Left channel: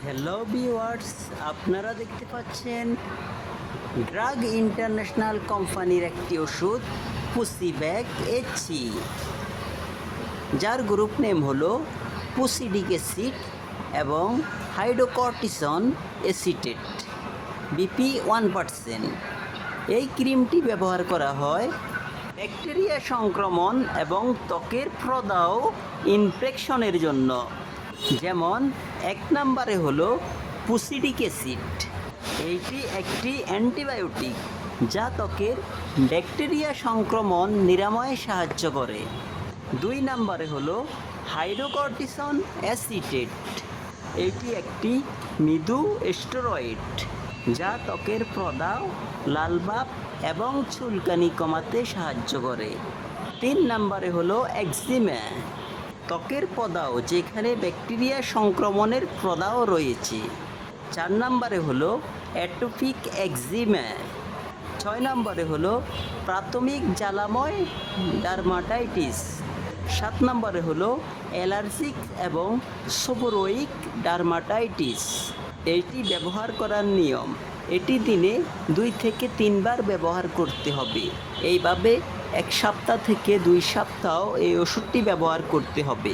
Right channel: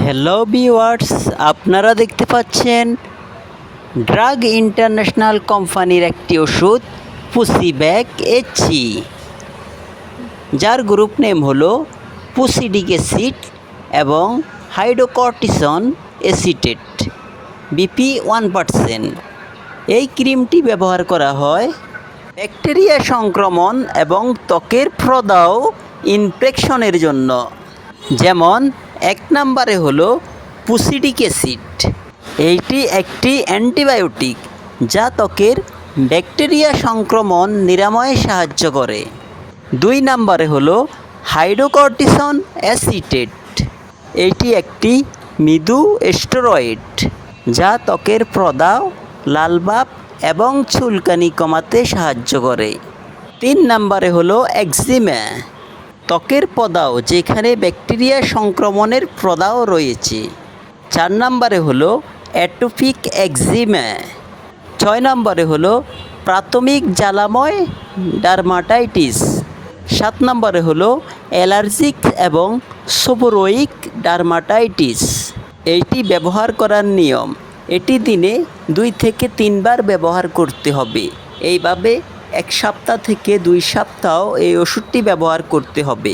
Hello viewers, আপনারা দেখতে পাচ্ছেন ড্রাগ ইন্টারন্যাশনাল কোম্পানির একটি ওষুধ পুসিব্যাক এইচি, যার গ্রুপ নেম হলো পুসিডিক অ্যাসিড এবং হাইড্রোকর্টিসন এসিটেট বিপি 1%। এই ক্রিমটি ব্যবহার করা হয় ব্যাকটেরিয়া সংক্রমণ এবং ত্বকের প্রদাহ ইনফেকশনের জন্য। যেমন 1 নম্বরে হলো পুসিডিক অ্যাসিড। এইটি একটি অ্যান্টিবায়োটিক যা ত্বকের ব্যাকটেরিয়া সংক্রমণ নিরাময়ে সাহায্য করে। 2 নম্বরে হলো হাইড্রোকর্টিসন অ্যাসিটেট। এটি একটি মৃদু স্টেরয়েড যা ত্বকের প্রদাহ, লালভাব এবং চুলকানি কমাতে সাহায্য করে। 3 নম্বরে হলো একজিমা, ত্বকের প্রদাহ যেখানে ব্যাকটেরিয়া সংক্রমণের প্রদাহ রয়েছে। 4 নম্বরে হলো অ্যাটোপিক একজিমা। 6 নম্বরে হলো প্রাথমিক জ্বালাময় ডার্মাটাইটিস। 7 নম্বরে হলো অ্যালার্জিক এবং সেবোরোয়িক ডার্মাটাইটিস। এইটি ব্যবহার করার নিয়ম: এটি দিনে 2 থেকে 3 বার ব্যবহার করতে হবে। এইভাবে 1 সপ্তাহ থেকে 2 সপ্তাহ এই ওষুধটি ব্যবহার করতে হবে।